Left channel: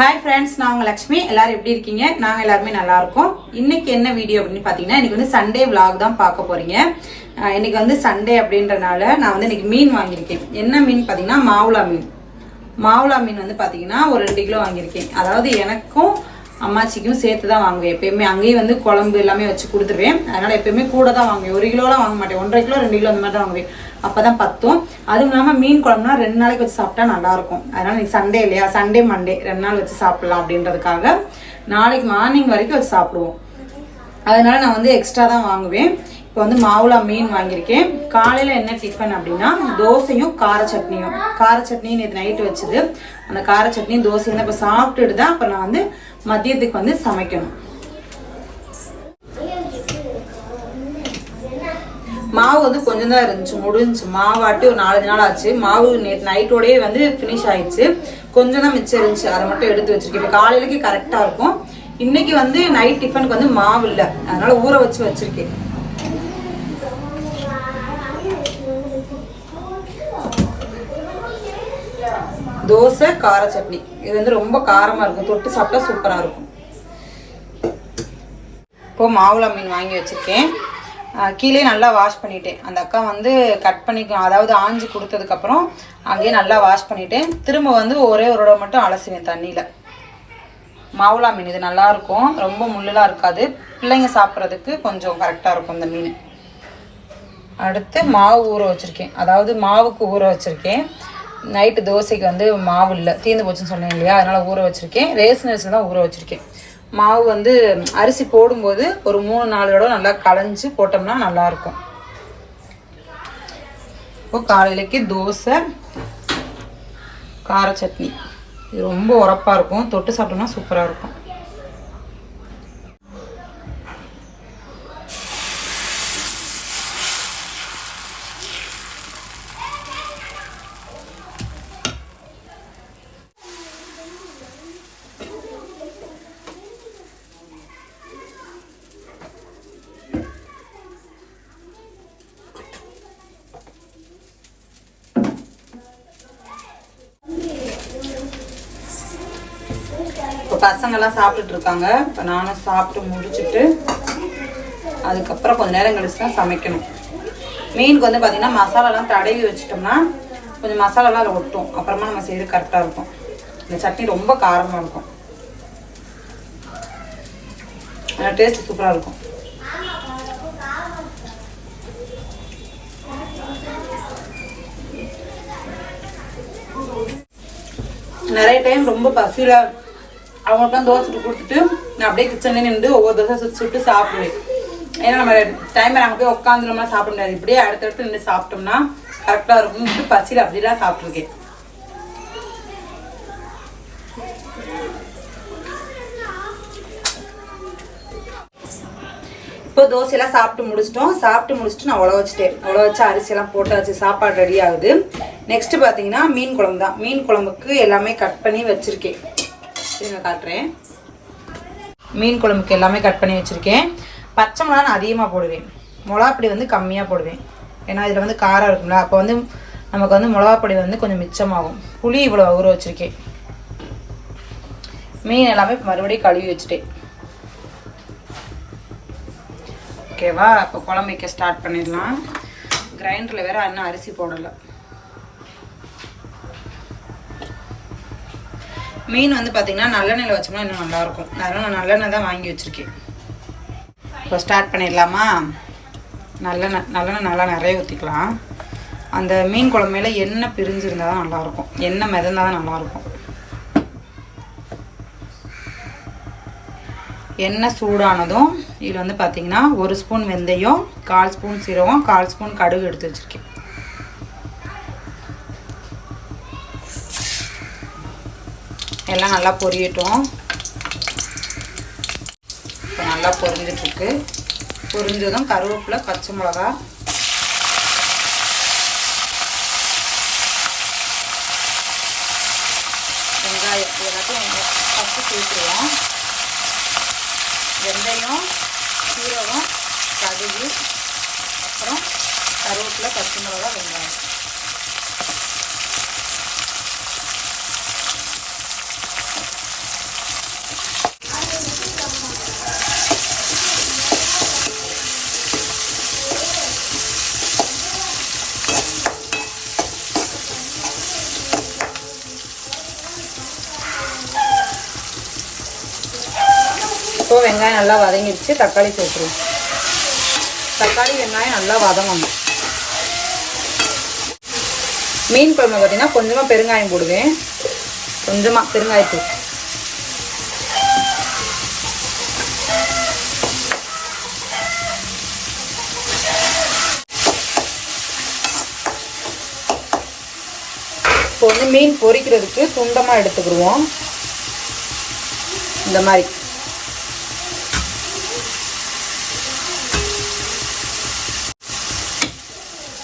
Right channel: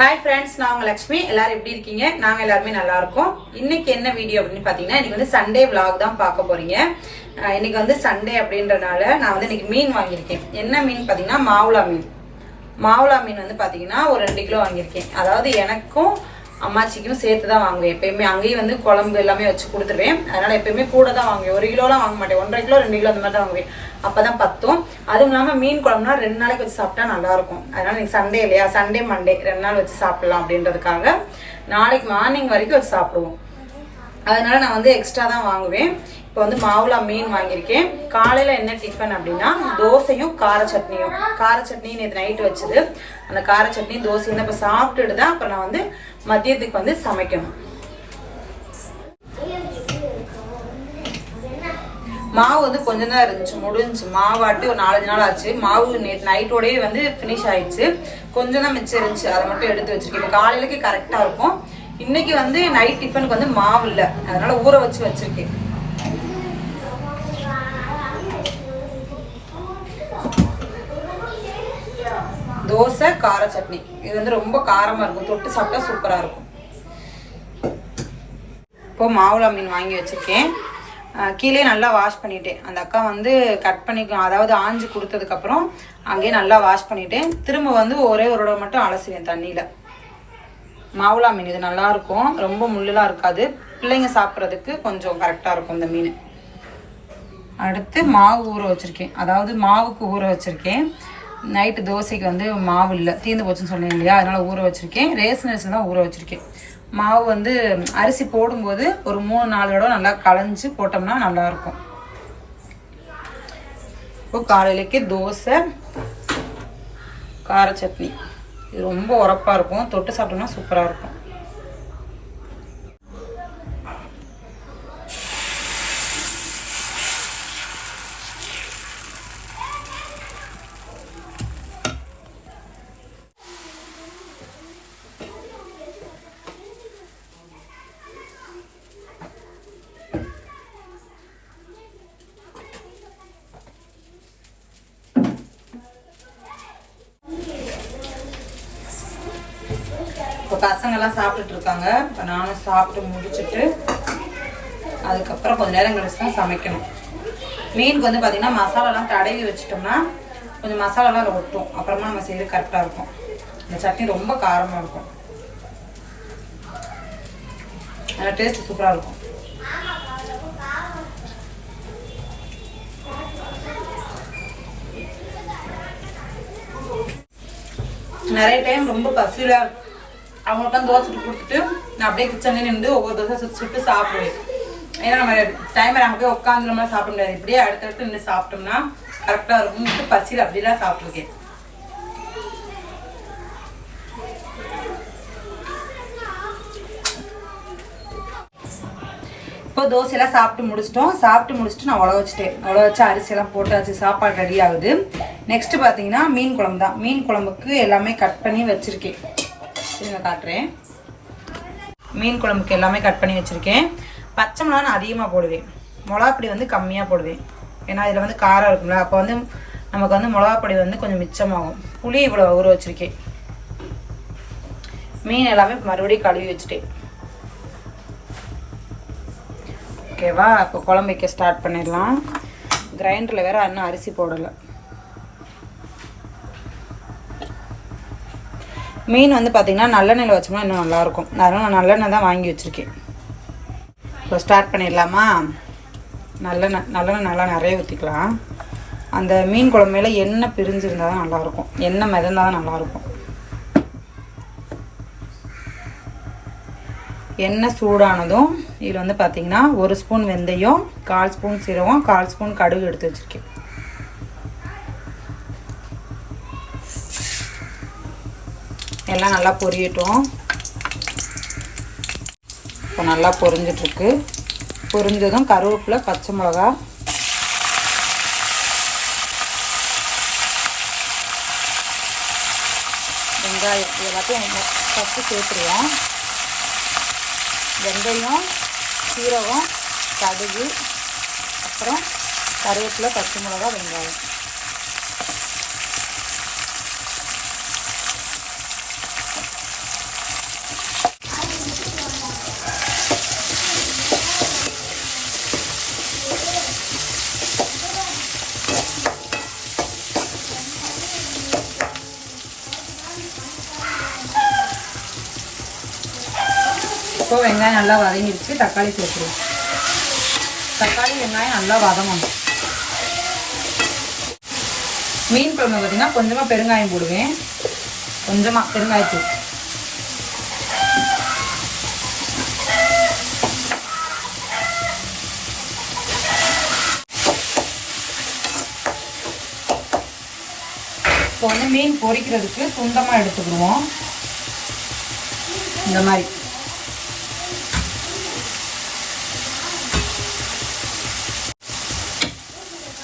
Hi friends நான் உங்கள் லக்ஷ்மி. எல்லாரும் எப்படி இருக்கீங்க? நாங்கள் எல்லாருமே நல்லா இருக்கோம். இன்னைக்கு என்ன வீடியோ அப்படின்னு பார்த்தீங்கன்னா இன்னைக்கு வந்து சண்டே vlog தான் பார்க்க போறீங்க. இன்னைக்கு வந்து சண்டே அப்படின்றனால நான் வந்து இன்னைக்கு மீன் வாங்கியிருக்கேன். என்ன மீன் பார்த்தீங்கன்னா மாவுளா மீன். மாவுளா மீன் வந்து பார்த்தீங்கன்னா ஒரு ரெண்டு கிலோ வாங்கியிருக்கேன். அதாவது எனக்கும் அம்மாச்சிக்கும் சேர்த்து தான் வாங்குவேன். எப்பயுமே அங்கேயும் வந்து குழம்பு எல்லாமே வச்சு கொடுத்துருவேன். அதனால எப்பயுமே கூட தான் வாங்குவேன். ஒரு கிலோலாம் வாங்க மாட்டேன். ஒன்றரை கிலோ ரெண்டு கிலோ அந்த மாதிரி தான் வாங்குவேன். அப்பதான் பத்தும். அதுவும் இல்லாம மீன் குழம்புனா ரெண்டு நாளைக்கு வச்சு சாப்பிட்டா நல்லா இருக்கும் அதனால நீ சண்டே இல்லையா? சண்டே மண்டே ரெண்டு நாள் வச்சு சாப்பிடலாம் அப்படின்றதுக்காக நாளைக்கு மார்னிங் வரைக்கும் வச்சு சாப்பிடுவோம். அதனால நான் வந்து எக்ஸ்ட்ரா தான் வாங்குவேன். இப்போ வந்து மாவுளா மீன் வாங்கியிருக்கேன். காலையில் என்ன டிஃபன் அப்படின்னா தோசையும் கார சட்னியும். கார சட்னி நேற்று நைட்டு வச்சது. அந்த கார சட்னி தோசையும் இப்போ சாப்பிட்டுட்டு தான் அப்புறம் நான் வந்து மதியத்துக்கு வந்து சமைக்கணும். மாவு வந்து கொஞ்சம் தான் இருந்துச்சு முடிஞ்சுச்சு. மாவாட்டி ஒரு நாலஞ்சு நாள் ஆச்சு. மாவு நேற்று நைட்டோடயே வந்து ஃபினிஷ் ஆயிடுச்சு. கொஞ்சம் தான் மிச்சம் இருந்துச்சு. அதை மட்டும் எடுத்து வச்சிருக்கேன். இப்போ காலையிலக்கு கரெக்டாக இருக்கும். இன்னைக்கு வந்து நைட் டிஃபனுக்கு வந்து மாவு இல்லை. அதனால ஊற வச்சு வச்சிருக்கேன். தோசை கார சட்னி. இது வந்து ரொம்ப காரமாக இருக்கும். தொட்டு சாப்பிட்டா சூப்பராக இருக்கும். இப்போ மாவுளா மீன் வாங்கி வச்சிருக்கேன். கீழே நல்லா வாஷ் பண்ணிட்டேன். அந்த அக்கா வந்து கட் பண்ணி அதாவது ஆஞ்சு கொடுத்ததுக்கப்புறம் அங்கேயே நல்லா வாஷ் பண்ணிட்டேன். திரும்ப வந்து ஒரே ஒரு தடவை மட்டும் அலசுவேன் தண்ணியில். மாவுளா மீன் இது நல்லா இருக்கும். ரொம்ப முள்ளுலாம் இருக்காது. பிள்ளைங்க சாப்பிட்றதுக்கு கொஞ்சம் கரெக்டாக இருக்கும் இந்த மீன். அடுத்து மாவு ஊற வச்சுருக்கேன். அதாவது மாவுக்கு ஊற வச்சுருக்கேன். நைட்டு தோசைக்கு வந்து மாவு இல்லை. தீர்ந்து போச்சுன்னு சொன்னேன் இல்லையா? அதனால் ஊற வச்சுருக்கேன். ரேஷன் அரிசி தான் ஊற வச்சுருக்கேன். மாவு வந்து அரிசி போடும்போது ஒரு மூணு நாலு தடவை நல்லா களைஞ்சு போட்டோம்னா நல்லாயிருக்கும். இப்போ காலையிலக்கு தோசை கார சட்னி. இது ரொம்ப உரப்பாக இருக்கும். தொட்டு சாப்பிட்டோம்னா சூப்பராக இருக்கும். பசங்கள்லாம் சாப்பிட்டுட்டு இருக்காங்க இப்போ நானும் சாப்பிட்டு முடிச்சுட்டு அதுக்கப்புறம் கொஞ்ச நேரம் கழிச்சு தான் சமைக்கணும். மீனுக்கு வந்து பார்த்தீங்கன்னா மசாலாலாம் தடவி வச்சிட்டோம்னா கொஞ்சம் மசாலாலாம் அதில் ஒட்டும். அப்புறமா நம்ம செய்யறது கரெக்டாக இருக்கும். இந்த சட்னி ரொம்ப காரமாக இருக்கும். ஆனால் டேஸ்ட் சூப்பராக இருக்கும். நிறைய டைம் ரொம்ப பசியில் அவங்களுக்குலாம் தோசை சுட்டு கொடுத்துட்டு நான் அப்படியே கிச்சன்லேயே நின்று ஒவ்வொரு தோசை சுட்டு சுட்டு சாப்பிடுவேன். ஏன்னா நம்ம டைம் நாங்கள் போய் உட்காந்துருமா சாப்பிட முடியாது. இப்படியே அடுத்தடுத்து நின்று சாப்பிட்டோம்னா கரெக்டாக இருக்கும். பசியில் அப்படிலாம் சாப்பிட்ருக்கேன் இப்போ தோசையெல்லாம் சாப்பிட்டு முடிச்சிட்டோம். சாப்பிட்டு முடிச்சுட்டு நான் உழ வச்சுட்டேன். உழ வச்சு அரிசியெல்லாம் போட்டாச்சு சாப்பாடு ரெடி ஆகுது. நெக்ஸ்ட் பார்த்தீங்கன்னா மீன் குழம்பு தான். மீன் குழம்புக்கு எல்லாமே கட் பண்ணி வச்சிருக்கேன். இருங்க காட்டுறேன். மீன் குழம்புக்கு எல்லாமே கட் பண்ணி வச்சிருக்கேன். பச்சை மிளகா நான் அதிகமாக போடுவேன். மிளகாப்பொடி வந்து கம்மியாக போடுவேன். ஏன்னா இதில் வந்து காரம் இருக்கும்ல அப்போ வந்து நமக்கு வந்து மிளகாப்பொடி வந்து கொஞ்சம் மிச்சமாகும். புளி இவ்வளோ ஊற வச்சுருக்கேன். மீன் எல்லாமே மறுபடியும் கழுவி வச்சுட்டேன். ஓகேவா இப்போ குழம்பு வைக்க ஸ்டார்ட் பண்ணிடலாம். கிரைண்டரில் வேறு இன்னும் அரிசி போடலை. மீன் வந்து பார்த்திங்கன்னா நல்லெண்ணெயில் வச்சோம்னா இன்னும் நல்லாயிருக்கும். அதனால் நான் நல்லெண்ணெய் தான் வாங்கி வச்சுருக்கேன். இப்போ ஸ்டார்ட் பண்ணிடலாமா? நல்லெண்ணெய் நல்லெண்ணெய் நல்லா நிறைய ஊற்றிக்கலாம் அந்த மீன் குழம்பு மேலே எண்ணெய் பிரிஞ்சிருந்தால் தான் நல்லாயிருக்கும். எண்ணெய் மிதந்தால் தான் நல்லாயிருக்கும். எண்ணெய் சூடானதும் இதில் வந்து பார்த்தீங்கன்னா ஒரு ஸ்பூன் வெந்தயம் கால் ஸ்பூன் சீரகம் கால் ஸ்பூன் கடுகு எடுத்து வச்சுருக்கேன். எல்லாம் நல்லா பொரியட்டும். இப்போ நல்லா பொரிஞ்சிட்ருக்கு. பொரிஞ்சதும் கருவேப்பிலை பச்சை மிளகா. வெங்காயம் எல்லாத்தையும் ஃபஸ்ட்டு சேர்த்துருவோம். வெந்தயம் சீரகம் கடுகு அப்புறம் கருவேப்பிலை பச்சை மிளகா வெங்காயம். இப்போ வெங்காயம் நல்லா வதங்கிடுச்சு தக்காளி சேர்த்துருவோம். தக்காளி வெங்காயம் நல்லா வதங்கணும். மீன் குழம்பு பார்த்தீங்கன்னா கொஞ்சமாக பெருங்காயம் போடுவேன். கொஞ்சமாக பெருங்காயத்தூள். இப்போ வந்து மீன் பொரிக்கிறதுக்கு துண்டமாக எடுத்துக்கிடுவோம். இந்த மாதிரி.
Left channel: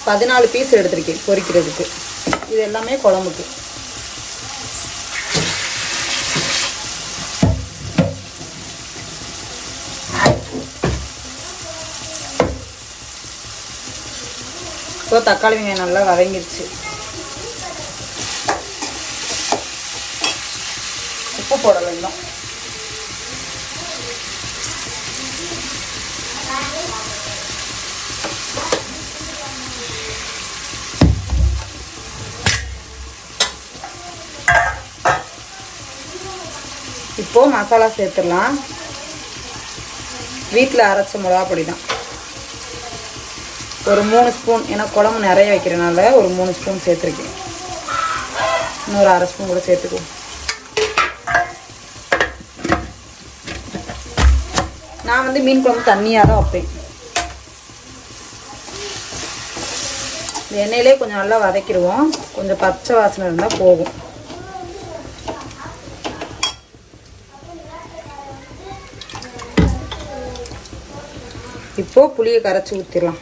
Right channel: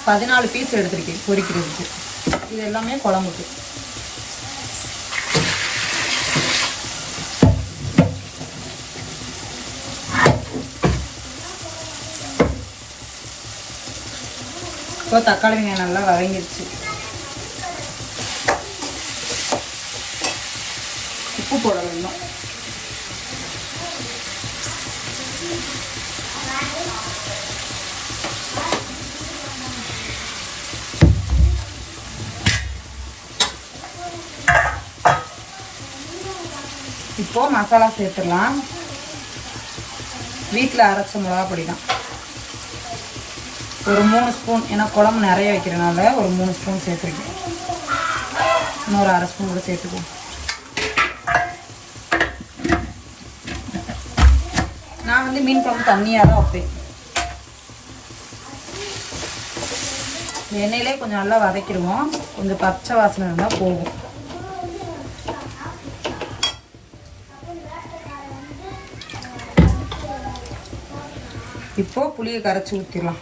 பதினாலு பீஸ் எடுத்திருக்கேன் பொரிக்கிறதுக்கு இது எல்லாமே குழம்புக்கு. இப்போ தக்காளி வெங்காயம் நல்லா வதங்கிடுச்சு உப்பு போட வேண்டும். மசாலா சேர்த்துடலாம். வீட்டில் அரைச்ச மிளகா பொடி தான் ஒரு மூணு ஸ்பூன் ஏன்னா குழம்பு நிறைய வைக்கிறனால ஒரு மூணு ஸ்பூன் சேர்த்துருக்கேன். இன்னொரு அரை ஸ்பூன் கூட சேர்த்துக்குவோம். நான் வந்து மீன் குழம்பு தண்ணியாக தான் வைப்பேன். எண்ணெயிலே கொஞ்சம் நல்லா வதக்கிடுவோம். கொஞ்சம் பச்சை வாசனை இருந்தால் போகும் இப்போ புளியை கரைச்சி ஊற்றிடலாம்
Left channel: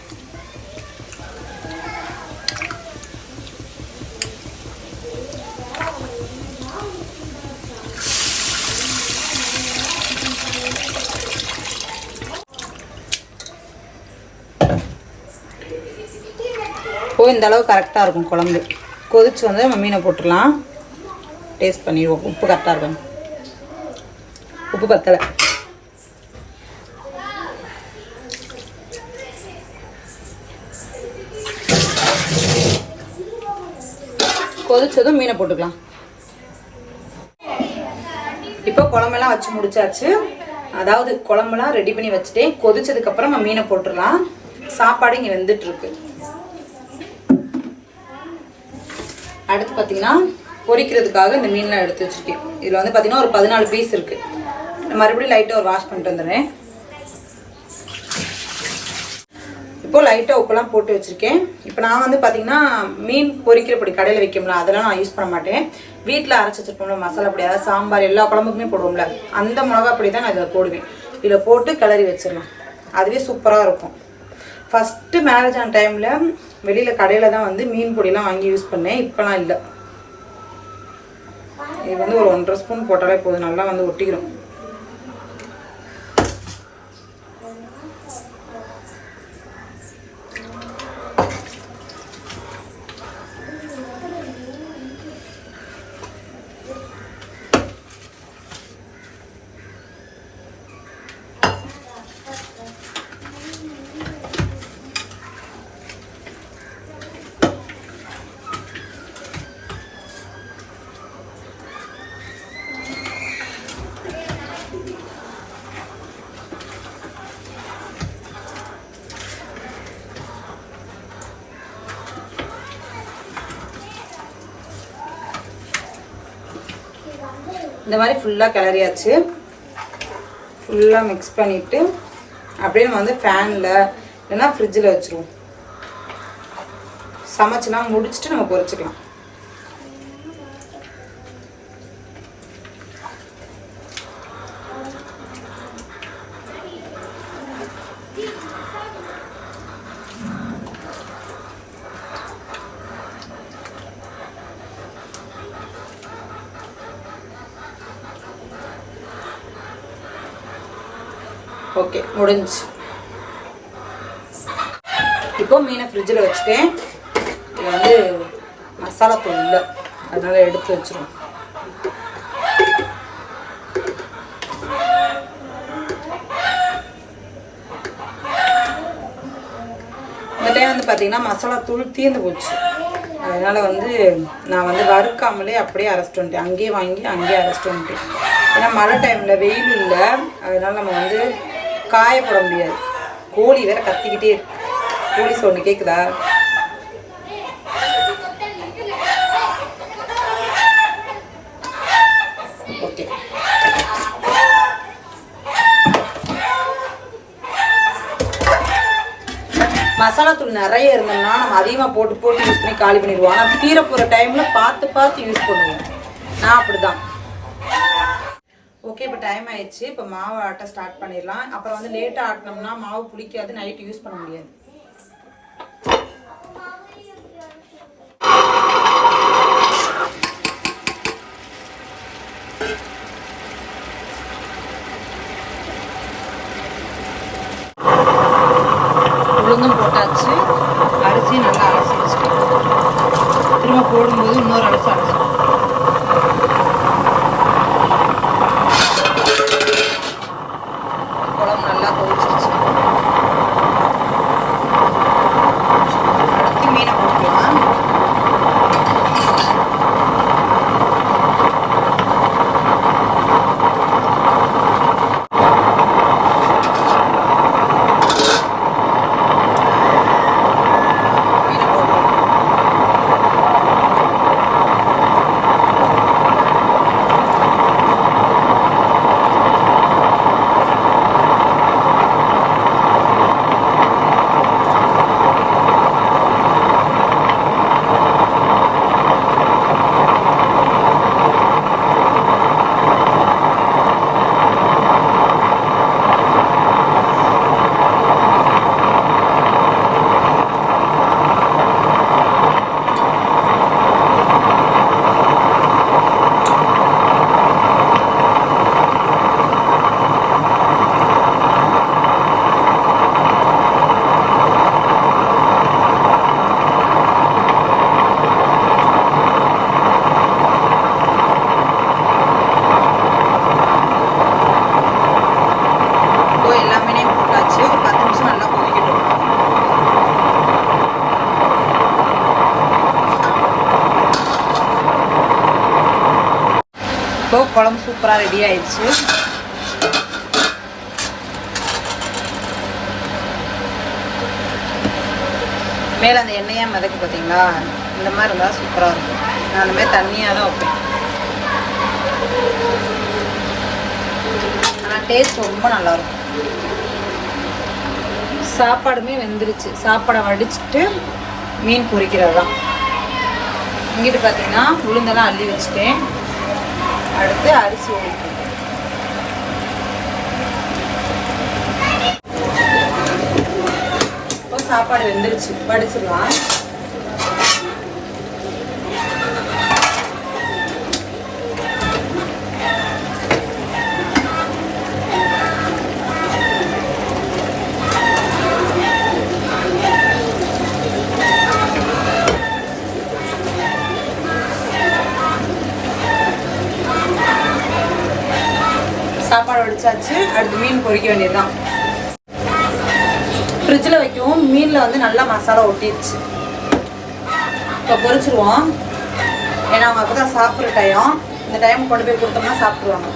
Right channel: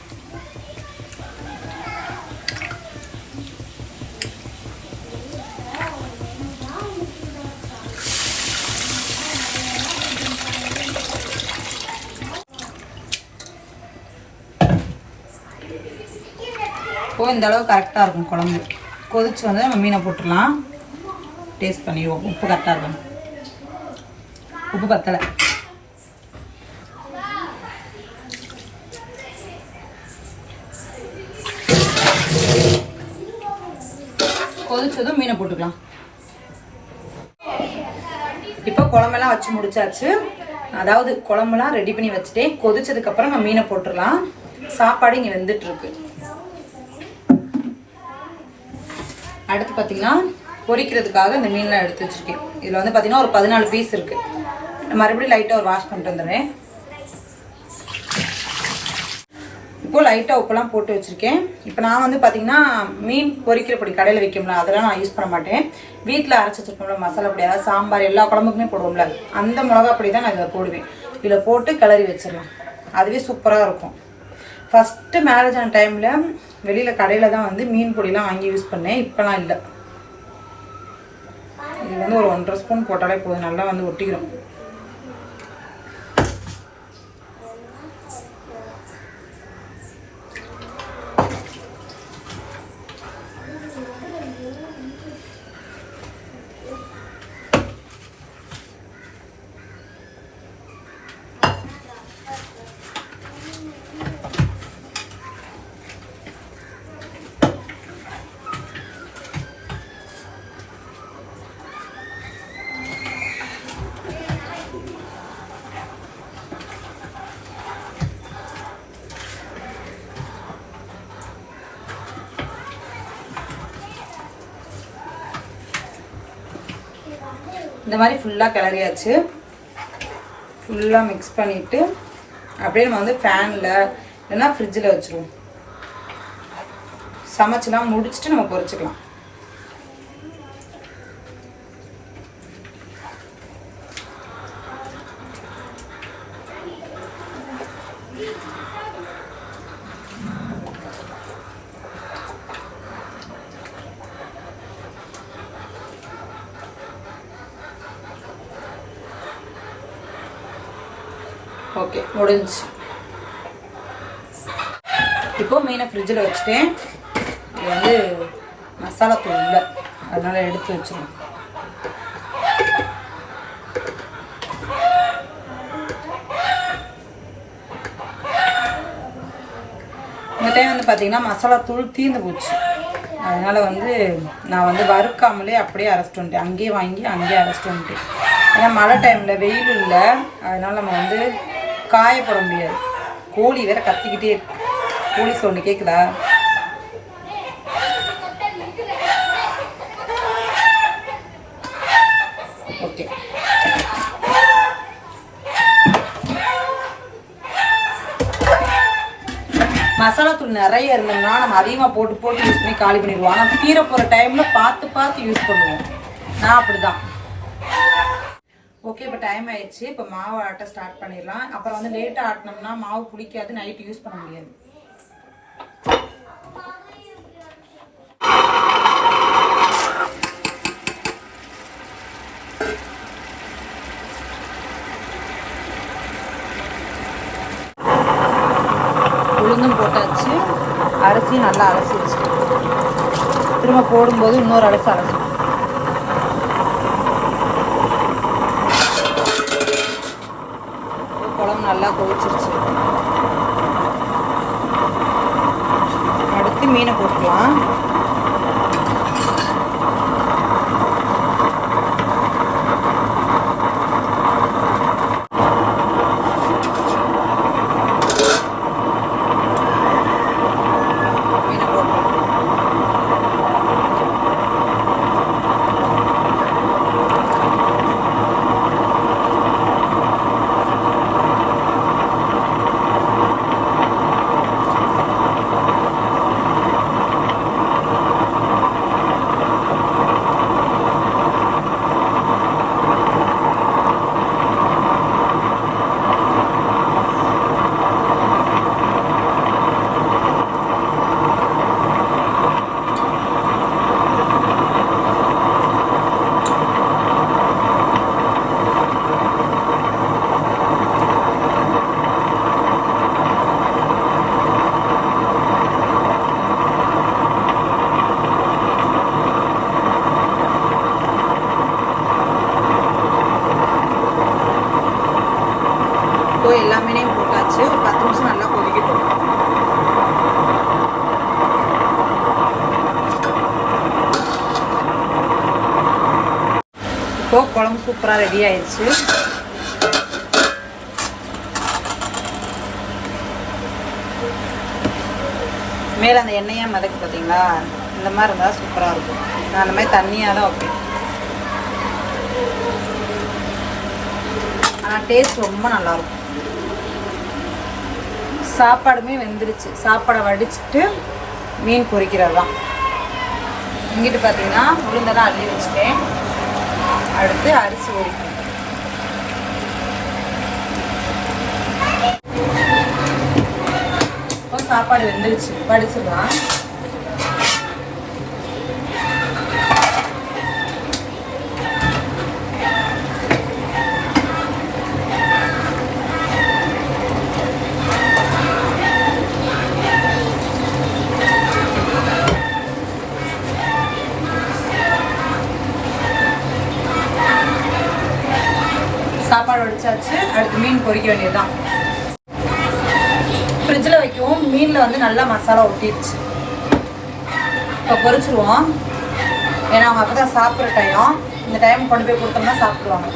இப்போ இந்த அளவு கரெக்டாக இருக்கும் குழம்பு. கொதிச்சு வந்து நம்ம மீனை போட்டுடலாம். டேஸ்ட் பண்ணிடுவோம். உப்பு கரெக்டாக இருக்கும் உப்பு பத்தலை கொதிச்சதும் மீனை போட்டுக்கலாம். இப்போ குழம்பெல்லாம் வச்சு முடிச்சாச்சு. அதாவது குழம்புலாம் ரெடி பண்ணி வச்சுட்டேன். கொதிச்சதுக்கு அப்புறம் நம்ம மீனை போட்டுடலாம். சாப்பாடு இங்கே வெந்துட்டு இருக்கு அடுத்து பார்த்தீங்கன்னா பொரிக்கிறதுக்காக இந்த மீன்லாம் எடுத்து வச்சிருக்கேன். இதில் வந்து பார்த்தீங்கன்னா ஒரு பதினாலு பீஸ் இருக்கு. மறுபடியும் லைட்டாக ஒரு வாஷ் பண்ணிட்டு வந்துடுறேன். இப்போது லைட்டாக உப்பெல்லாம் போட்டு வச்சுருக்கேன். இப்போ நான் வந்து பார்த்தீங்கன்னா மீன் பொரிக்கிற பொடி கடையில் வைக்கும்ல அதெல்லாம் நான் யூஸ் பண்ண மாட்டேன். வீட்டில் அரைச்சி வச்சிருப்போம்ல மசாலா பொடி அதாவது சாம்பார் எல்லா குழம்புக்குமே போடுவோம்ல அந்த மிளகா பொடி தான் நான் இதில் போடுவேன். இதில் போட்டு கிளறி வச்சிடலாம். அதுவே சூப்பராக இருக்கும். ஃபஸ்ட்டு மேரேஜ் ஆன டைமில் வெளியில் கடையில் தான் வந்து மீன் பொடிலாம் வாங்கி யூஸ் பண்ணேன். இப்போலாம் இல்லை. இது வந்து ஒரு ஒன்றரை ஸ்பூன் போட்டாலே போதும். நல்லா வந்து ஒட்டிக்கிறோம் இந்த மாதிரி ஃபுல்லாக கிளறியாச்சு. ஃபுல்லாக மிக்ஸ் பண்ணிவிட்டு அப்படியே நம்ம வந்து ஃபேனில் இல்லைன்னா ஃப்ரிட்ஜில் வச்சுருவோம். சமைச்சுலாம் முடிச்சுட்டு நம்ம பொறிச்சிக்கலாம். ஓகே முடிஞ்சு இப்போ மீனை ஃப்ரிட்ஜில் வச்சுட்டேன். இது வந்து மசாலா தூள் இல்லை. அதனால எடுத்து வச்சிருவோம். இந்த டைம் வந்து பார்த்தீங்கன்னா மசாலா தூள் தீர்ந்து போச்சு. அதனால் வந்து நான் வந்து வறுக்காமலே அப்படியே அரைச்சிட்டு வந்துட்டேன். அங்கேயே வாங்கி அங்கேயே அரைச்சிட்டு வந்துட்டேன். ஏன்னா மழை டைமில் வெயில் இல்லை. அதனால் நம்ம வந்து காயப்பட முடியாது. கோழி வேற கத்திக்கிட்டே இருக்கு. கோழி சவுண்டு கேட்குதா ஓகே. மசாலா தூள் நிறைய இருந்தோம்னா நம்ம அதிகமாக போட்டு போட்டு யூஸ் பண்ணி காலி பண்ணிடுவோம். ஆனால் தீர போகிற டைமில் பார்த்து பார்த்து யூஸ் பண்ணுவோம். நான் அப்படிதான். ஓகே இப்போ டைம் ஆயிடுச்சு. இப்போ மாவு ஆட்ட ஸ்டார்ட் பண்ணிடலாம். அப்புறம் வந்து லேட்டாக ஆட்டினோம்னா மாவு புளிக்காது நைட்டு யூஸ் பண்ண முடியாது உளுந்தும் போட்டாச்சு அரிசி நல்லா அலசி வச்சுட்டேன் திரும்ப போடும்போது இன்னொரு அலசி அலசி குழம்பு நல்லா கொதிச்சிருச்சு அடுத்து மீனை போட்டுக்கலாம் மீனை போட்டுக்கலாம் இப்போ எல்லாமே போட்டாச்சு ஒரு பத்து நிமிஷம் நல்லா கொதிக்கட்டும் இப்போ குழம்பு சூப்பராக ரெடி ஆயிடுச்சு. மேலே அந்த எண்ணெயாக மிதக்கு பார்த்தீங்களா இந்த மாதிரி இருந்தால் சூப்பராக இருக்கும். நான் அந்த மாதிரி தண்ணியாக தான் வைப்பேன். ஆனால் டேஸ்ட் ரொம்ப நல்லாயிருக்கும். சாப்பாடுமே வெந்துருச்சு. சாப்பாடை வடிச்சிட்டு மீன் பொறிக்கிறது தான் இங்கிட்டு பார்த்தீங்கன்னா உளுந்தெல்லாம் அள்ளி வச்சுட்டேன். அடுத்து அரிசி ஓடிட்டு சாப்பாடு வெந்துருச்சு. வடிச்சிடலாம். அடுத்து மீன் பொரிக்க வேண்டியதுதான். ஃப்ரிட்ஜில் வைக்கவும் மீனில் வந்து நல்லா மசாலா ஒட்டிடுச்சு இப்போ பொரிச்சிருவோம் ஏன்னா அவங்க அப்போ தான் சாப்பிட்ற டைம் இந்த டைம் கொண்டு போய் கொடுத்தோம்னா சாப்பிடுவாங்க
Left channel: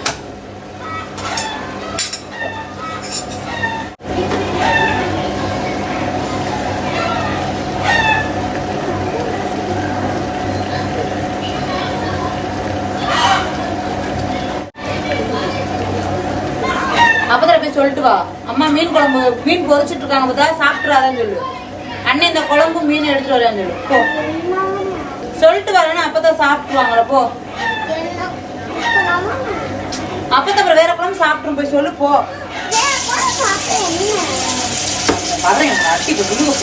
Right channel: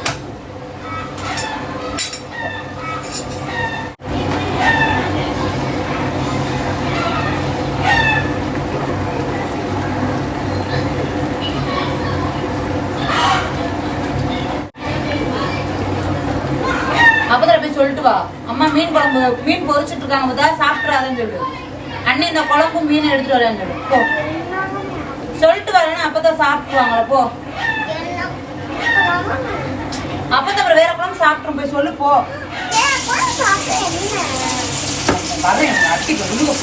குழம்பு மீன் பொறிச்சிட்டு இருக்காங்க பார்த்தா சாப்பிட்றாங்கன்னு சொல்லு அண்ணன் இந்த குழம்பு மீன் எடுத்துட்டு வரேன்னு சொல்லு போ சொல்லிட்டு வரணும் அப்பதான் சாப்பிட்டுருவாங்கள போ அப்பதான் அப்புறம் வேற குழம்பு சாப்பிட்டு போய் சொல்லு போ வரேன் அட்டிக்கு விழுங்க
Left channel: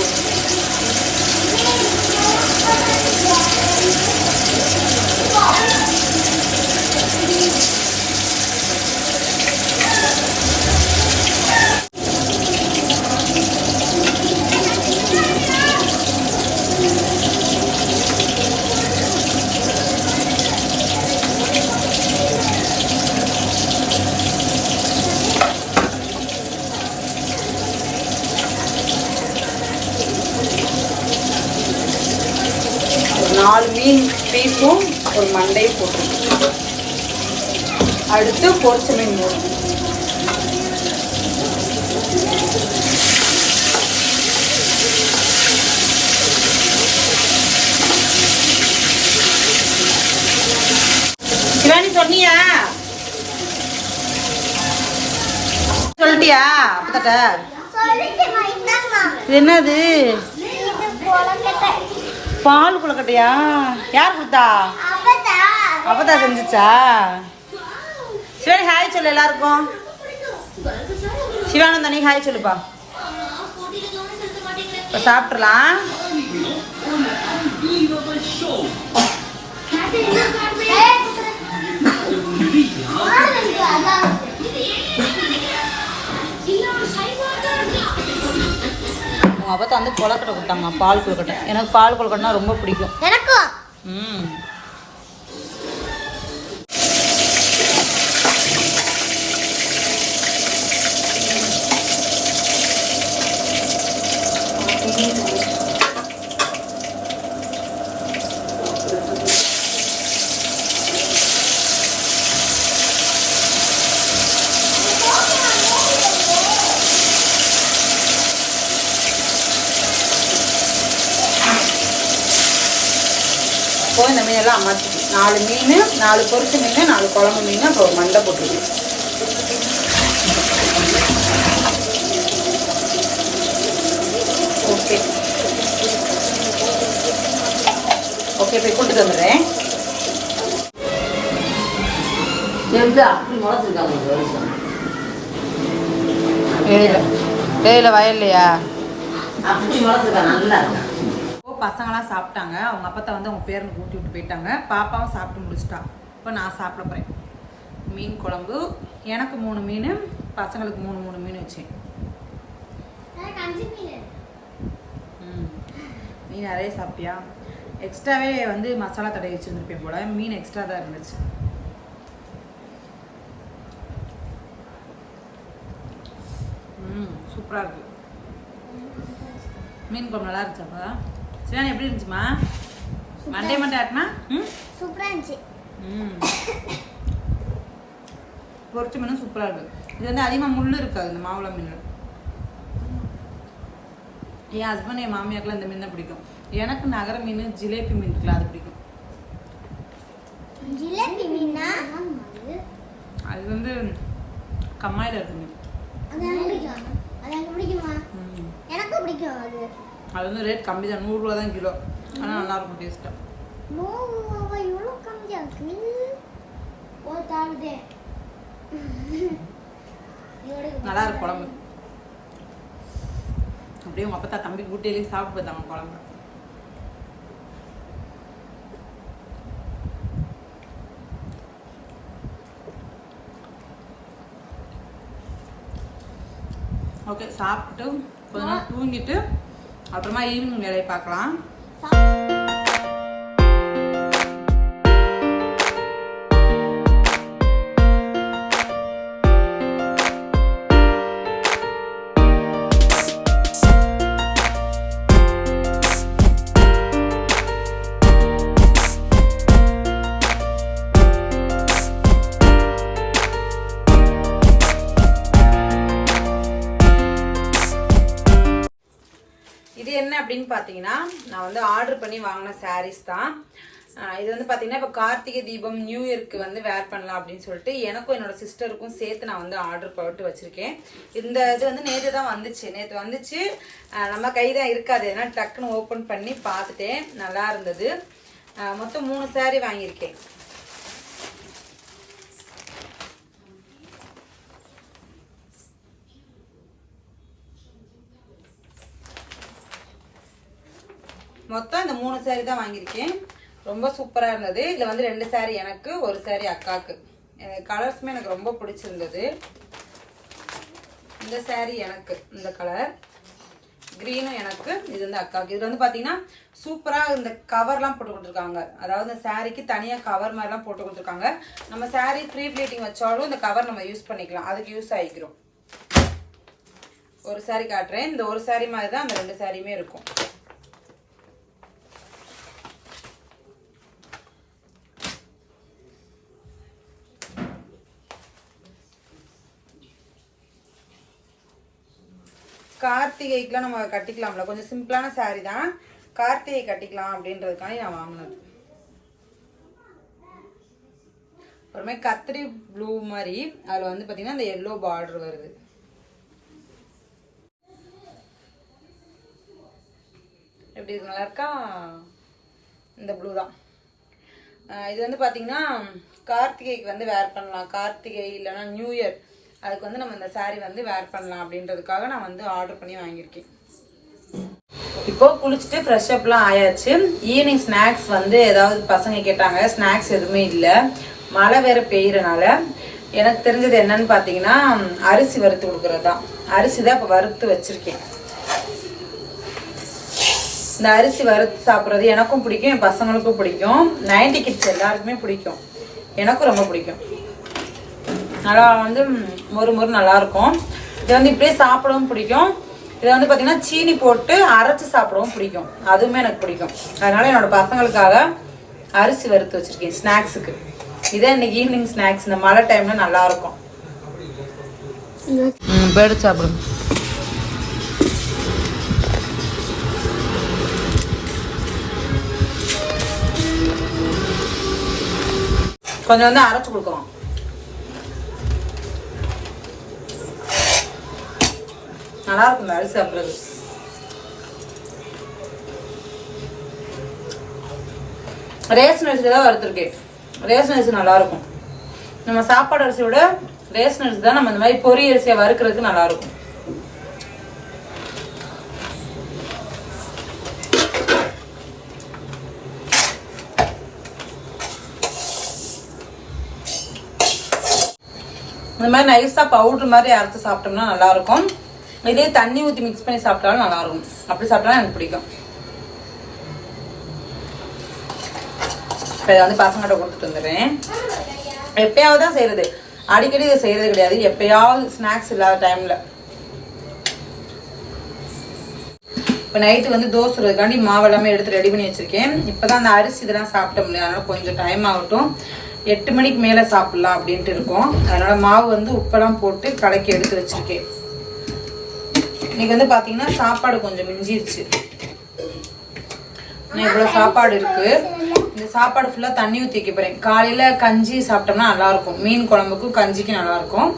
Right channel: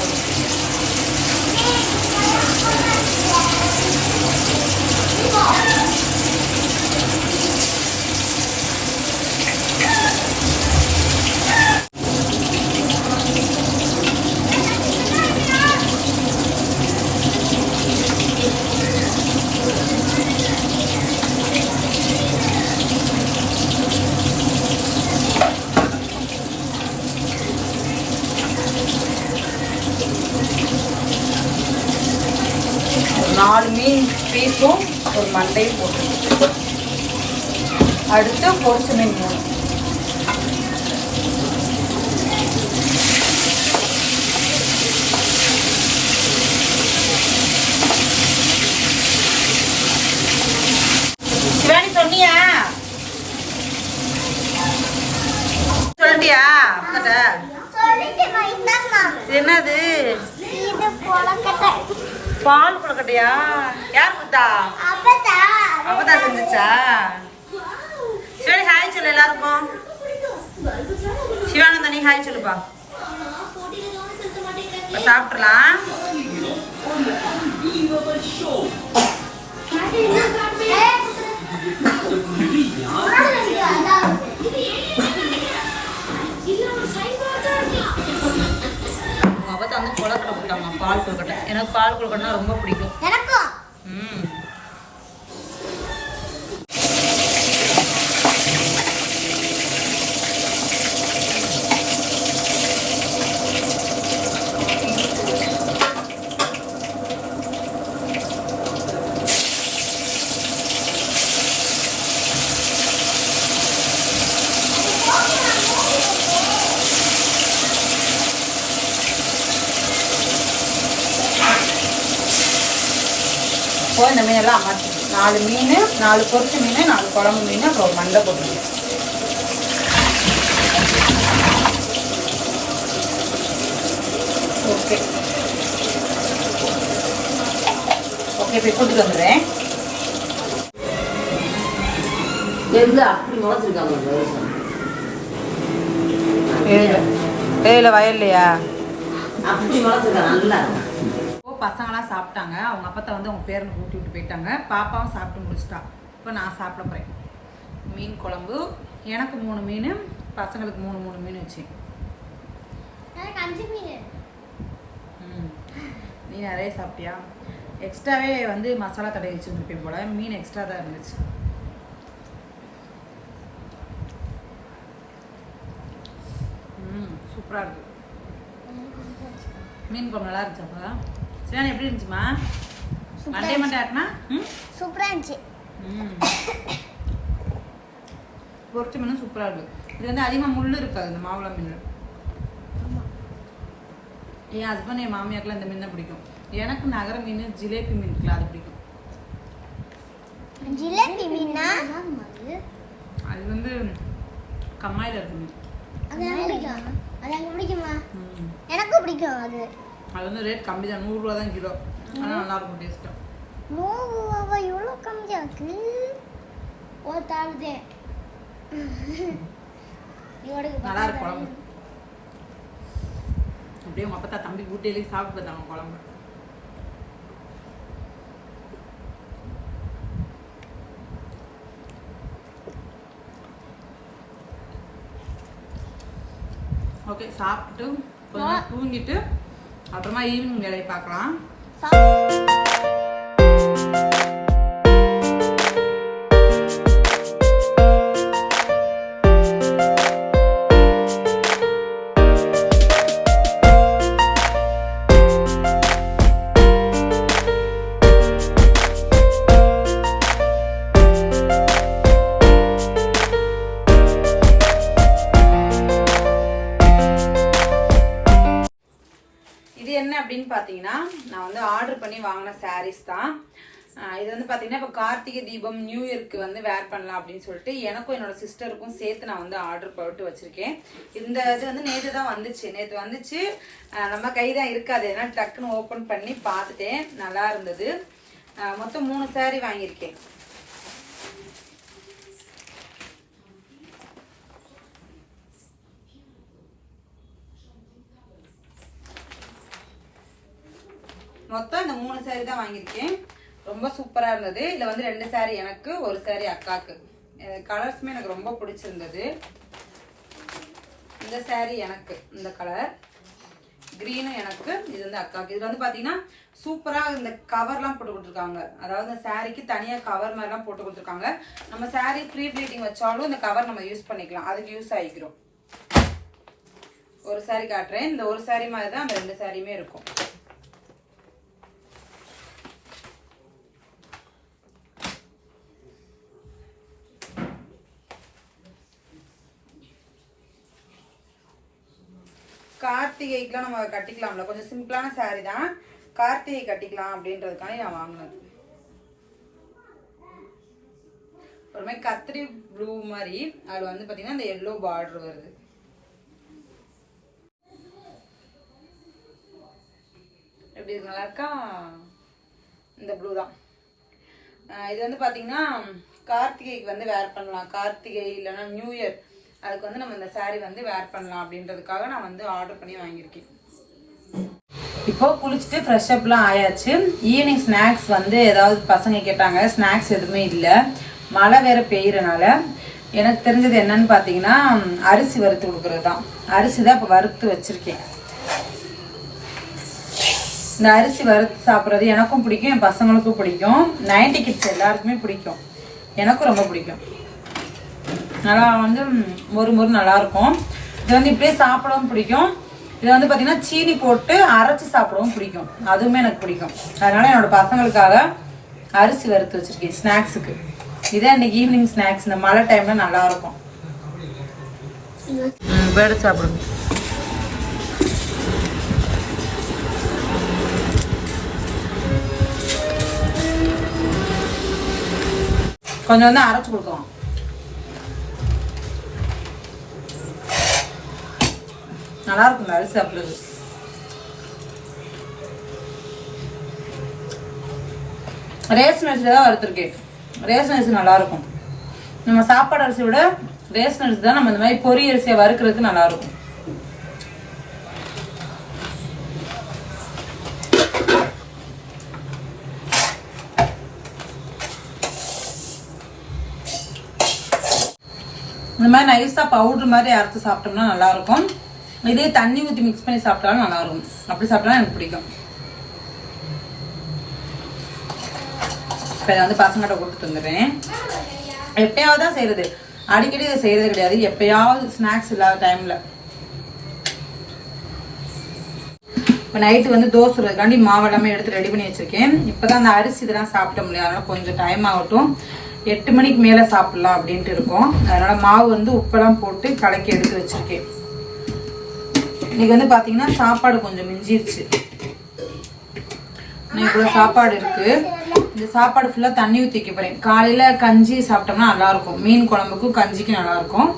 அடுத்து பொரிச்ச சிவானி சொன்னியா? சொல்லிட்டியா என்னது? பால் குளக்கட்டையா? யார் கொடுத்தா? அப்பதா. அப்பதான் செஞ்சுச்சா? சரி ஹாய் சொல்லு எல்லாருக்கும். சிவானந்தா நீ ஹாய் சொல்லுப்பா. இப்ப சாப்பிட்றலாம். உங்க அப்பத்தா வந்து கொழுக்கட்டை கொடுத்தாங்க பால் கொழுக்கட்டை. எனக்கு பால் கொழுக்கட்டைனா ரொம்ப பிடிக்கும். எனக்கும். ம் இப்போ இந்த மீனெல்லாம் அமர்த்தி நாலு மீன் நாலு பொரிச்ச மீன் நாலு குழம்பு மீன் அப்புறம் ஒரு மண்டை போட்டுருக்கு ஓகே. ஓகே போய் கொண்டு வந்துடுறேன். எது அப்படி முளைச்சிருக்காங்க வருஷம்? ஏல வயல்லையா? அப்படி முளைச்சிருக்காங்க நல்லா இருக்கான் இப்போ பசங்களாம் சாப்பிட்டாங்க. அவங்க அப்பத்தா வந்து அவங்க பேரனுக்கு ஊட்டி விட்டு போயிட்டாங்க. பாப்பாவும் சாப்பிட்டு முடிச்சிட்டா. இப்போ நான் சாப்பிட போகிறேன் மீன் குழம்பு. எனக்கு மூணு மீன் பசங்களுக்கு மூணு மூணு மீன் மீன். ம். நீ நிறைய சாப்பிட்டியா? எக்ஸ்ட்ராவே வந்து மசாலா தடவி வச்சுருந்துருப்பேன் போல. மீன் எக்ஸ்ட்ரா தான் இருந்துச்சு. ம் சூப்பராக இருக்கு. மீன் குழம்பு நல்லா இருந்துச்சாப்பா சரி எப்படி இருந்துச்சுமா மண்டே மண்டே ஆட்டினா ம்? சூப்பரா இருந்துச்சு. ம். பொரிச்ச மீனும் சூப்பராக இருக்கு இது வந்து அதிகமாக முள் இருக்காது இந்த மாவுள மீன் என் ஹஸ்பண்ட் என் மாமியாக்கெல்லாம் இந்த மீன் தான் பிடிக்கும். எனக்கு நகர மீன் ஜிலேபி மீன் இருக்குல்ல அது பிடிக்கும். ஜிலேபி மீனா? அது வந்து கம்மாயில் இருக்கு மீன். எனக்கு பிடிக்கும். அது வந்து ரேட் கம்மி தான். நூறுரூவா தான் கிலோ. ஆனால் நல்லாயிருக்கும் டேஸ்ட்டாக நூறு ரூபாவா? எவ்வளோ இருக்கு நல்லா இருக்கு குழம்பு. அப்படியே உங்கள் அப்பத்தா தம்பி கூட்டியிலேயே சாப்பிட்டு பார்த்தாங்க குழம்பு. ஓகே சாப்பிட்டுட்டு கொஞ்ச நேரம் தூங்கிட்டு அப்புறமா ஈவினிங் வேலையை பார்க்கலாம். பார்த்தீங்கன்னா நான் வந்து ஆர்டர் பண்ணி வாங்கின சாரீஸ் தான். இது வந்து பார்த்தீங்கன்னா இப்போ கார்த்திகை தீபம் நியூ இயர்க்கு வந்து வேர் பண்ணலாம் அப்படின்னு சொல்லிட்டு எனக்கும் என்னோட சிஸ்டருக்கும் சேர்த்து நான் வந்து ஆர்டர் போட்டு வச்சிருக்கேன். இந்த இது வந்து நேற்று தான் வந்துச்சு. நேற்று வந்துச்சு. நம்ம கை தான் இருக்காது. ஏன்னா டக்குன்னு ஓப்பன் பண்ணி பார்த்துட்டேன். நல்லா இருந்தது. மொத்தம் மூணு சாரீ வாங்கியிருக்கேன். மொத்தம் இந்த மூணு saree தான் வாங்கியிருக்கேன். ரொம்ப சூப்பராக இருந்தது. இதில் வந்து ரெண்டு சேரீ எனக்கு ஒரு சேரீ அக்காவுக்கு கலர்ஸுமே எனக்கு ரொம்ப பிடிச்சிருந்தது. இந்த சேரீ எனக்கு இந்த கலர் க்ரீனும் எனக்கு இது வந்து அக்காவுக்கு இது வந்து பார்த்தீங்கன்னா சூப்பராக இந்த கவர்லாம் போட்டு கொடுத்துருக்காங்க. அதாவது இந்த சாரீக்கு தனியாக கவர் மாதிரிலாம் போட்டு கொடுத்துருக்காங்க. நம்ம saree ப்ரீ ப்ளீட்டிங் வச்சாலும் இந்த கவர் நம்ம யூஸ் பண்ணிக்கலாம். அதுக்கு யூஸ் ஆகிக்கிறோம். ஒரு saree காட்டுறேன். இந்த ஒரு saree மாதிரி தான் அந்த ரெண்டு சாரியுமே இருக்கும். கார்த்திகைக்குலாம் நம்ம கட்டிக்கலாம்ல. கொஞ்சம் சிம்பிளான saree தான். கார்த்திகை கட்டிக்கலாம் அப்படின்றதுக்காண்டி நான் வாங்கினது. அப்புறமே கத்திரி ப்ளூ மாதிரி அதில் வந்து பார்த்தீங்கன்னா அந்த எல்லோ பார்டர் வருது. எப்படி இருக்கு? நல்லா இருக்கா? இந்த ப்ளூ தான். இது வந்து பார்த்தீங்கன்னா கார்த்திகைக்கு வந்து வேர் பண்ணலாம். கார்த்திகை இல்லைன்னா நியூ இயர் அதுக்கு வந்து நம்ம இந்த saree வந்து வேர் பண்ணலாம் அப்படின்றதுக்காக நான் வந்து ஆர்டர் பண்ணி வாங்கியிருக்கேன். இப்போ குளிச்சுட்டு ஃப்ரெஷ் அப்லாம் ஆயாச்சு. ஈவினிங் ஸ்நாக்ஸ் வந்து ஏதாவது பசங்க கேட்டாங்க. ஸ்நாக்ஸ் எதுவுமே இல்லை. மழை வேற பெய்யறனால. எனக்கு தெரிஞ்சது என்னன்னு பார்த்தீங்கன்னா அரிசி வறுத்து கொடுக்கறது தான் அரிசி தான் இப்போ வறுத்து வச்சுருக்கேன். இந்த அரிசி வறுத்து சாப்பிட்றது எனக்கும் பிடிக்கும் என் பசங்களுக்கும் பிடிக்கும். நைன்டி கிட்ஸ் எல்லாருக்குமே பிடிக்கும். எனக்கும் ரொம்ப பிடிக்கும். நல்லா வந்து மொறு மொறு நல்லா இருக்கும் இது வந்து இப்படியே சாப்பிடவும் பிடிக்கும். இது வந்து பார்த்தீங்கன்னா சீனி போட்டு அரைச்சு சாப்பிடவும் பிடிக்கும். அதுவுமே எனக்கு பிடிக்கும். அதனால என்னோட பசங்களுக்காக அரிசி வறுத்து வச்சிருக்கேன் ஸ்நாக்ஸுக்கு. இதே இன்னைக்கு ஈவினிங் ஸ்நாக்ஸ் இந்த மழை டைம்ல நல்லா இருக்கும் ம் பேடு சாப்பிடுங்க கொஞ்சம் வந்து அரைச்சு கொடுக்கலாம். நல்லா இருக்கும் இந்த அரிசி ரேஷன் அரிசி தான் வறுத்துருக்கேன் ரேஷன் அரிசி நல்லா இருக்கும் நம்ம சாப்பாடு அரிசியை விட ரேஷன் அரிசி தான் நம்ம இந்த மாதிரி பொரிய அரிசியை வறுக்கிறதுக்கு நல்லா இருக்கும் இந்த மாதிரி நைஸாக பவுடர் மாதிரி அரைச்சு சாப்பிட்டோம்னா நல்லா இருக்கும் இதே தண்ணி ஊற்றி மிக்ஸ் பண்ணி சாப்பிட்டாலும் நல்லா இருக்கும் அப்படி சாப்பிட்டாலும் எனக்கு பிடிக்கும். இப்போ இதை வந்து பசங்கள்கிட்ட கொடுத்துட்டு வந்துடுறேன். எப்பயாவது தான் செய்கிறது அடிக்கடி இதை செய்கிறது கிடையாது. எப்பயாவது ஸ்நாக்ஸ் இல்லாத டைமில் இப்போ நைட்டு வந்து தோசை சுடுறதுக்காண்டி மாவு எல்லாமே எடுத்து ரெடி பண்ணி வச்சுருக்கேன். இப்போ தான் அந்த அரிசி இதெல்லாம் சாப்பிட முடியும். அதனால் கொஞ்சம் டைம் ஆகட்டும். எட்டு மணிக்கு மேலே சாப்பிட்லாம் அப்படின்ட்டு இருக்கோம். அதனால் மாவு வந்து உப்பெல்லாம் போட்டு கலக்கி எடுத்து வச்சிருக்கேன். இன்னைக்கு வந்து பார்த்தீங்கன்னா சாப்பாடு கொஞ்சம் மிஞ்சிருச்சு. இவ்வளோ சாப்பாடு இருக்கு. இந்த சாப்பாடு ஃபுல்லாக தண்ணி ஊற்றிக்க போகிறேன் போறேன். காலையில் கஞ்சி சாப்பிட்டோம்னா நல்லா இருக்கும் மீன் குழம்புக்கும் கஞ்சிக்கும் நல்லா இருக்கும்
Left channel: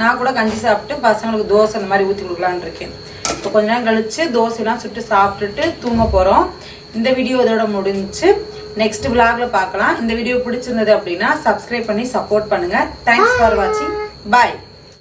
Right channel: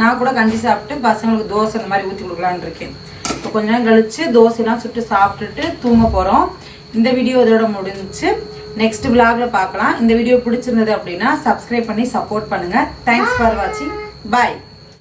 நான் கூட கஞ்சி சாப்பிட்டு பசங்களுக்கு தோசை இந்த மாதிரி ஊற்றி கொடுக்கலான்னு இருக்கேன். இப்போ கொஞ்ச நேரம் கழிச்சு தோசைலாம் சுட்டு சாப்பிட்டுட்டு தூங்க போகிறோம் இந்த வீடியோ இதோட முடிஞ்சு நெக்ஸ்ட் vlogல பார்க்கலாம் இந்த வீடியோ பிடிச்சிருந்தது அப்படின்னா சப்ஸ்கிரைப் பண்ணி சப்போர்ட் பண்ணுங்க. தேங்க்ஸ் ஃபார் வாட்சிங் பாய்